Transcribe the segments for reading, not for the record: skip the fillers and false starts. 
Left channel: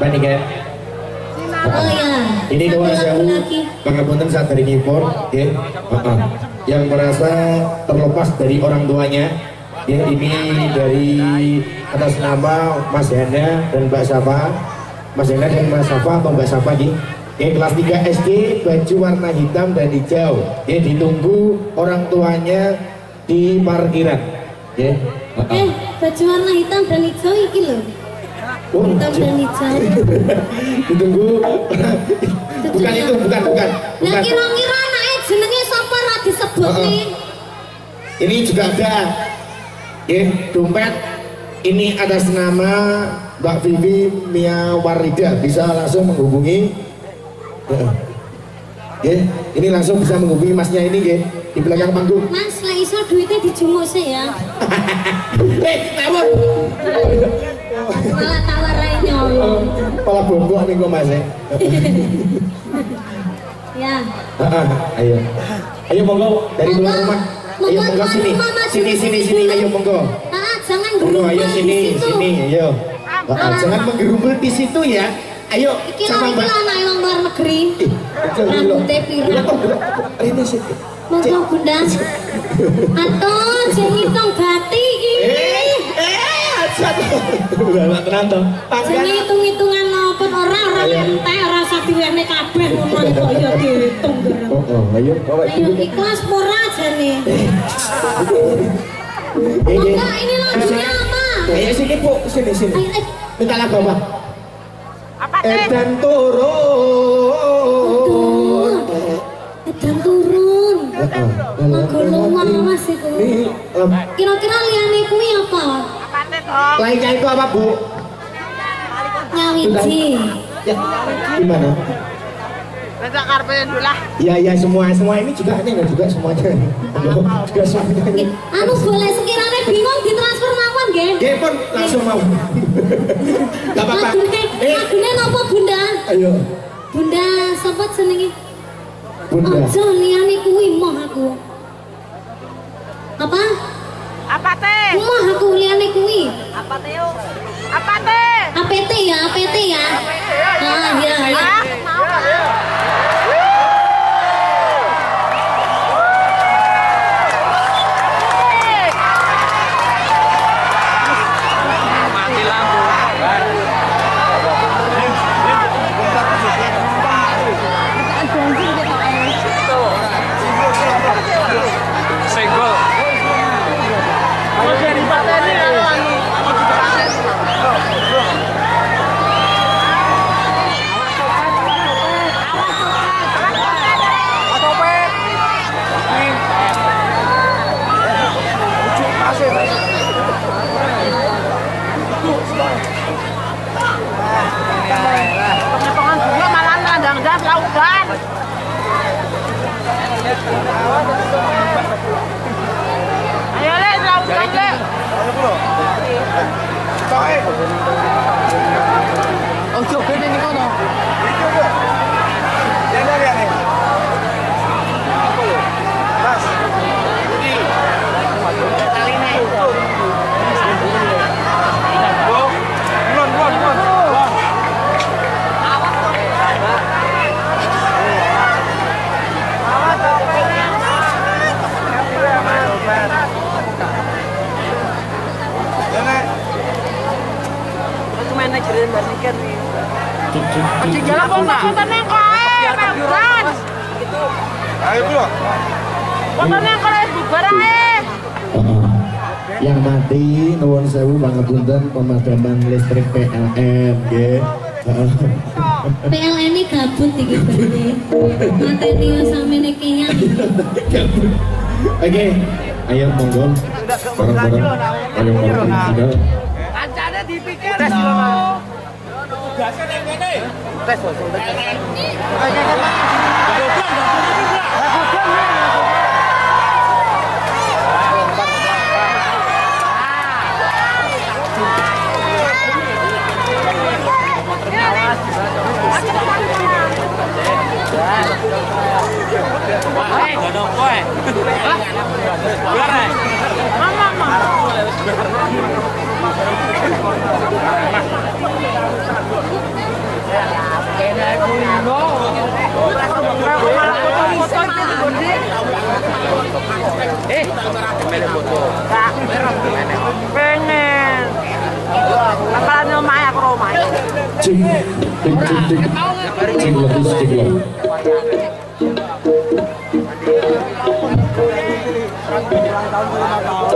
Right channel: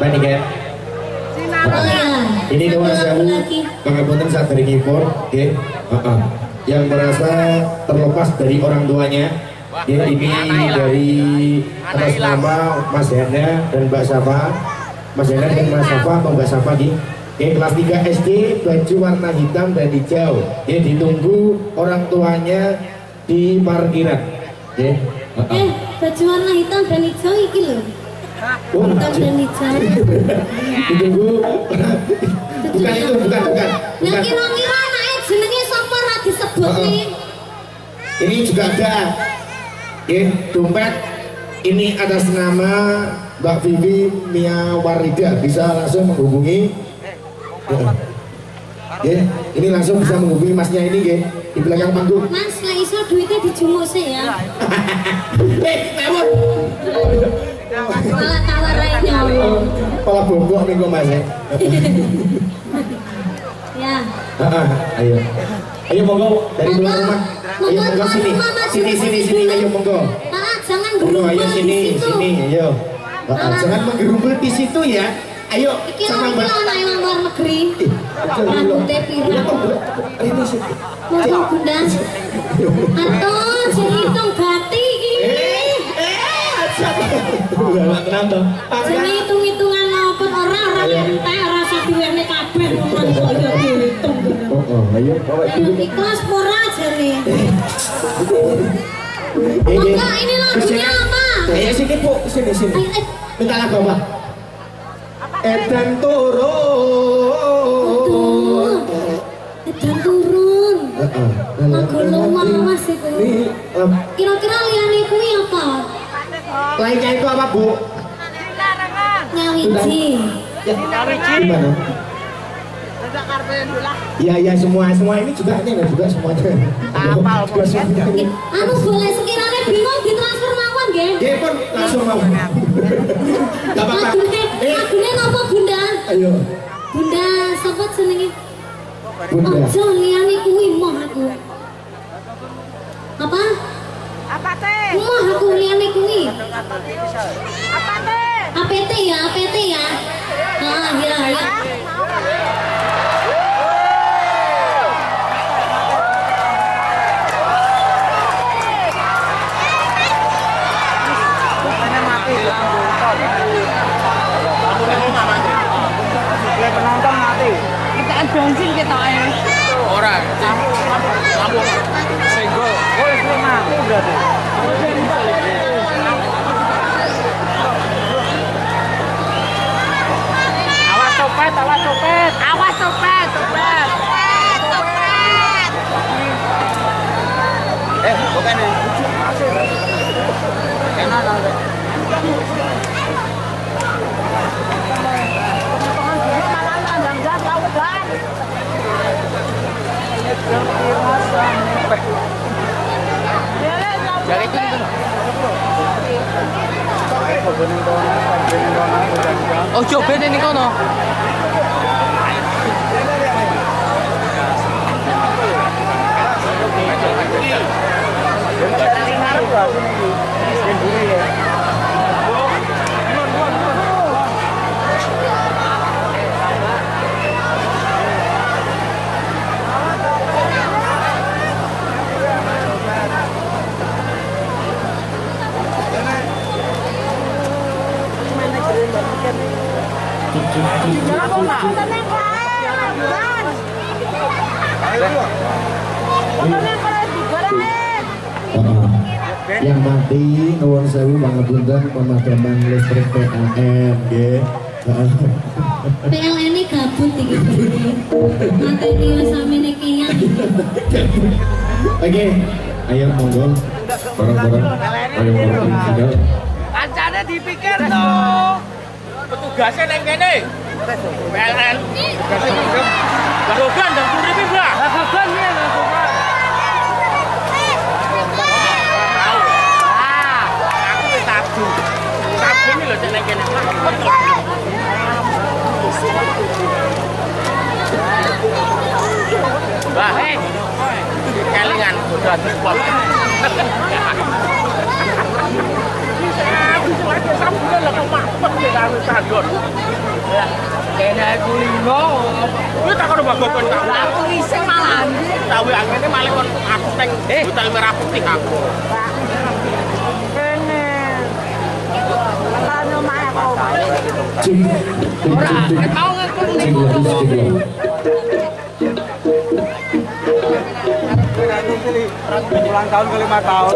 Panik ya. Oh ya. Ini doa sewu. Pangapunten saat dari keyboard, ya. Yang merasa terlepas dari orang tuanya, ya ini dari atas nama Mas Henda dan Mbak Safa. Mas Henda dan Mas Safa atau Mbak Safa di kelas 3 SD, baju warna hitam dan hijau. Ya ditunggu orang tuanya di parkiran. Ya. Baju warna hitam dan hijau iki loh. Hitam dan hijau. Ditunggu. Bukan itu, bukan. Nah kira-kira anaknya jenenge sapa ra disebut nih? Ini juga ada. Ya, dompet ini atas nama Mbak Vivi Mia Warida, bisa langsung menghubungi. Ya, ini langsung bisa menghubungi masnya ini, ya, di belakang panggung. Mas, lah iso duitnya dijumuk sih ya. Tawar. Malah tawar lainnya. Kepala bongkok nih kok Mas. Ya. Ayo monggo dari luar rumah. Ayo monggo sini. Sini, ayo monggo. Jangan monggo, ayo sini, ayo. Jangan menggerumbul di situ ya. Ayo sama Mbak. Iki anak yang luar negeri. Rambutnya pirang. Ini sih. Monggo Bunda. Atau hitung bati iki. Tenang toh. Jenenge hitung-hitungan maupun orang entek rasa duwene kabeh ngono kok ya dihitung. Ayo. Ayo ikhlas ora jane. Enggak, ini lagunya apa? Ayo sini Bu, sini. Minta lagu apa? Edan turun. Lagu lawas iku. Kira-kira liyane kuwi apa? Lainnya itu apa Bu? Nyawiji. Gimana? Ya semua ini juga semuanya. Anu boleh sekiranya bingung ditransfer mawon nggih. Nggih pun langsung mau. Enggak apa-apa. Lagune napa Bunda? Ayo. Bunda sapa jenenge? Bunda. Ojo liyane kuwi moh aku. Apa? Apa teh? Moh aku liyane kuwi. Apa teh? Apa teh? APT ya. Ah ya. Bensin kita air. Ora. Senggol. Awas copet. Potongan bunga malah nandang-nandang lautan. Ayo le, lautan. Oh, coba ini kono. Jalan kota tenang kae, Ramdan. Ayo bro. Tenang kae bubar ae. Yang mati nuwun sewu pangapunten pemadaman listrik PLN nggih. PLN ini gabut iki Budi. Mateni samene kiyang. Oke, ayo monggo. Bareng-bareng ayo final. Kancane dipikir tuh. Tugasnya neng kene. PLN. Gogan dong, ini Mbak. Gogan ya. Wah, hei, oi, kelingan, 100 poin. Kena kulino. Kuwi tak kono bagus. Aku iso malah anjing. Tahu angene malah untuk aku tek. Utal merah putih aku. Pak, pengen. Bakalan omahe aku omahe. Ora, ketau ulang tahun ke 5 tahun.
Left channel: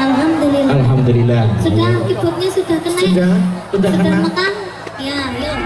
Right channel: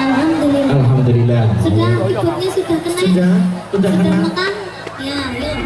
Alhamdulillah. Alhamdulillah. Sudah ibunya sudah kena. Sudah kena. makan. Ya, yuk.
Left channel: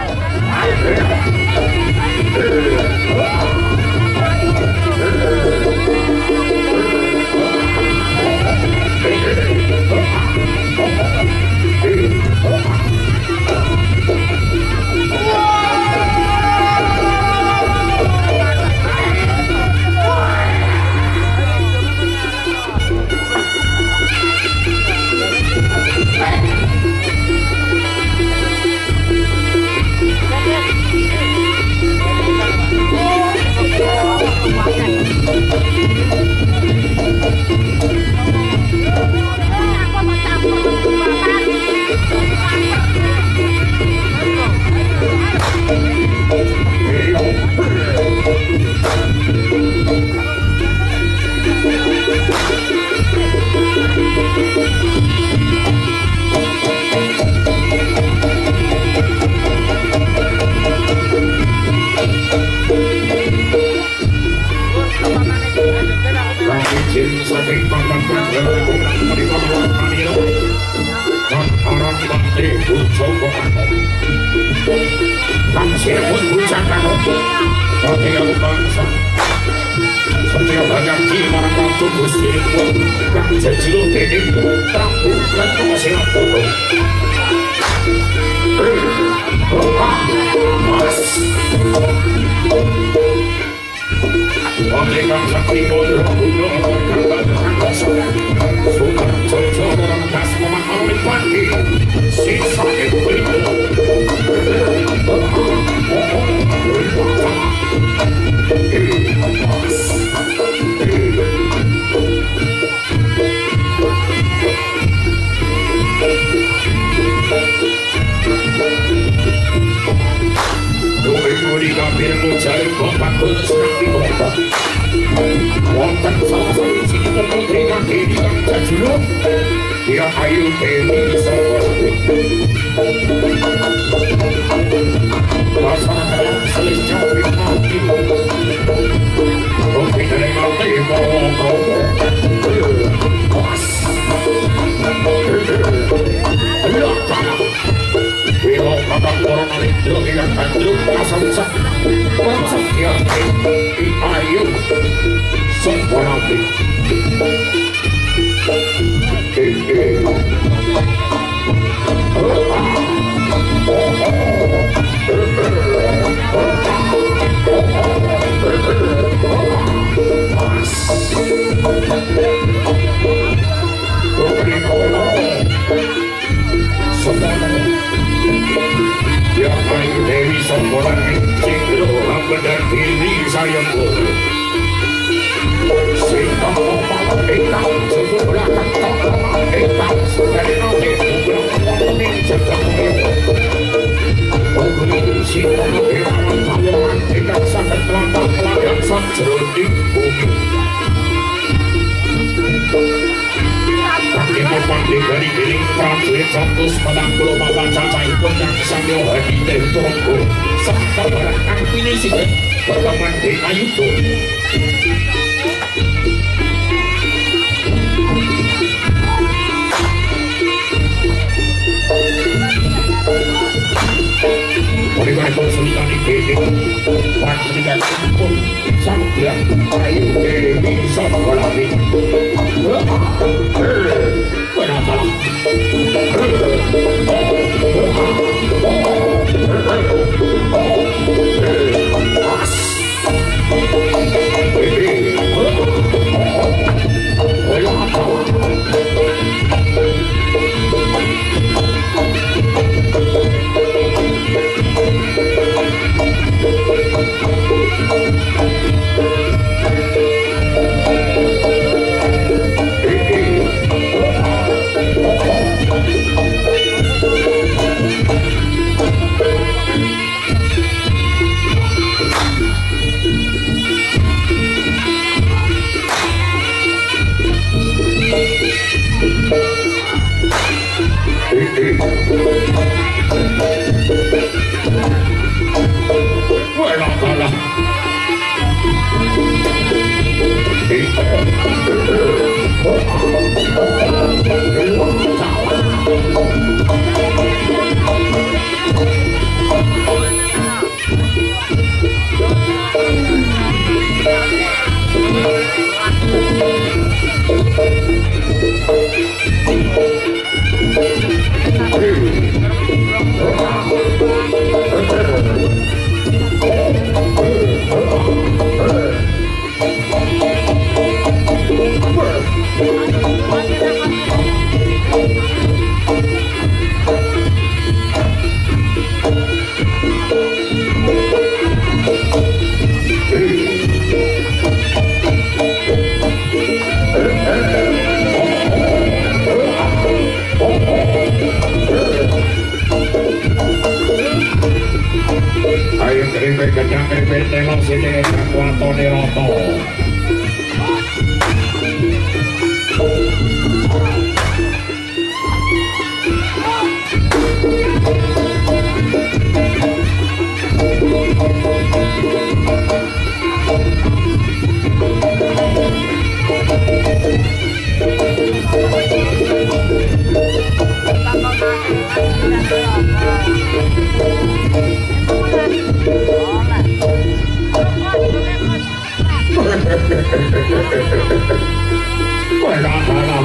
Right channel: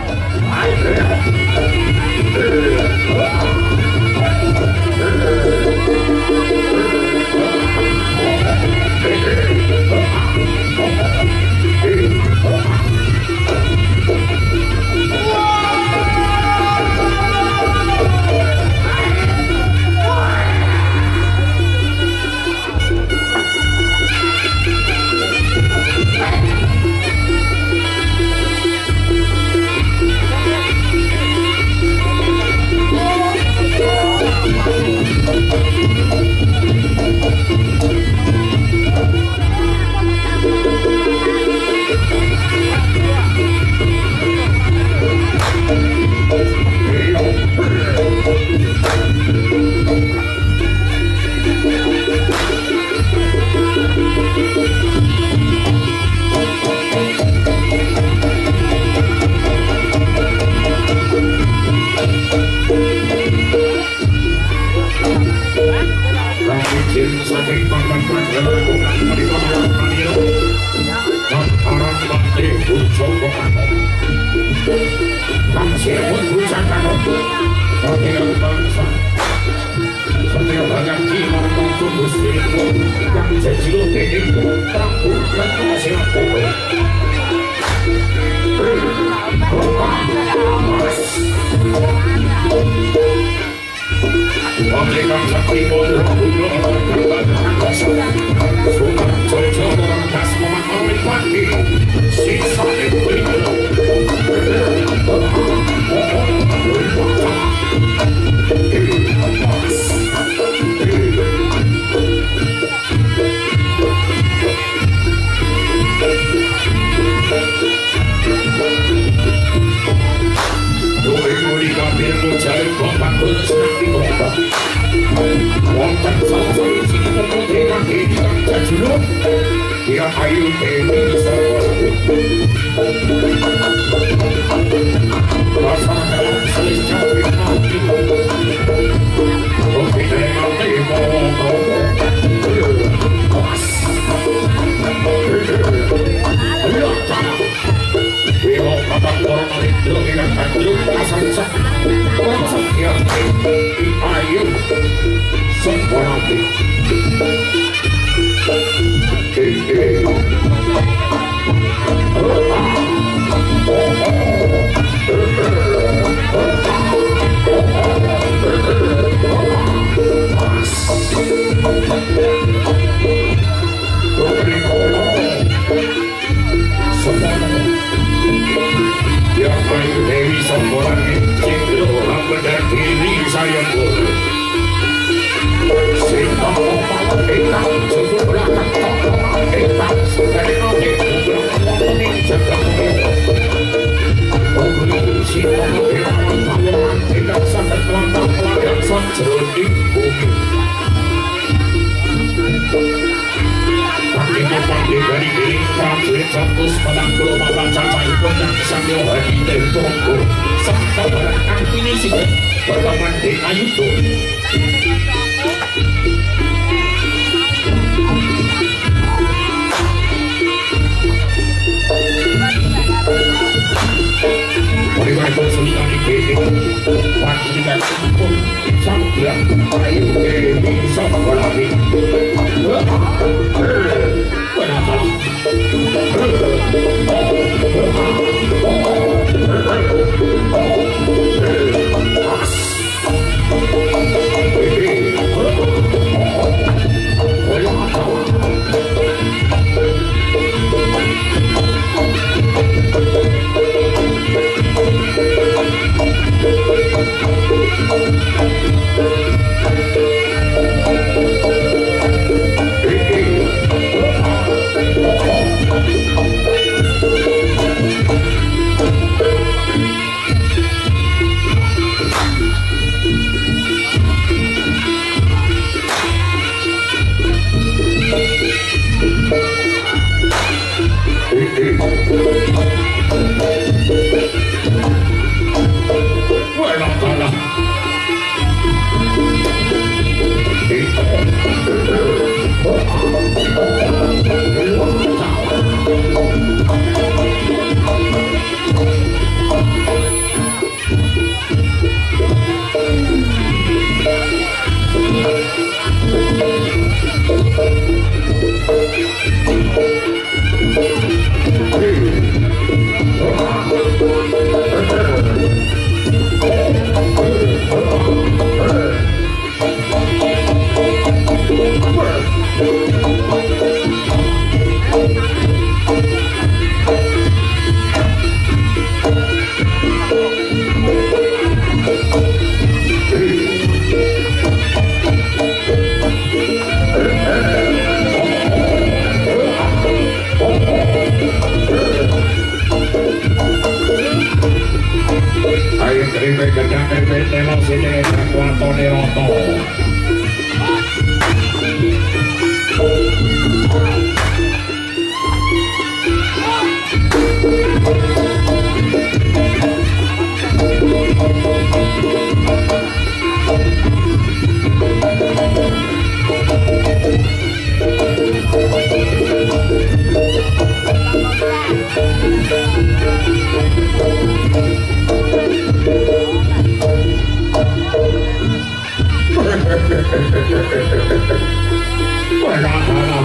Ipek gedang ipek telo sini watone roto.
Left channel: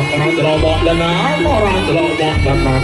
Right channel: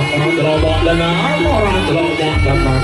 Orang delok tenan, orang delok tenan.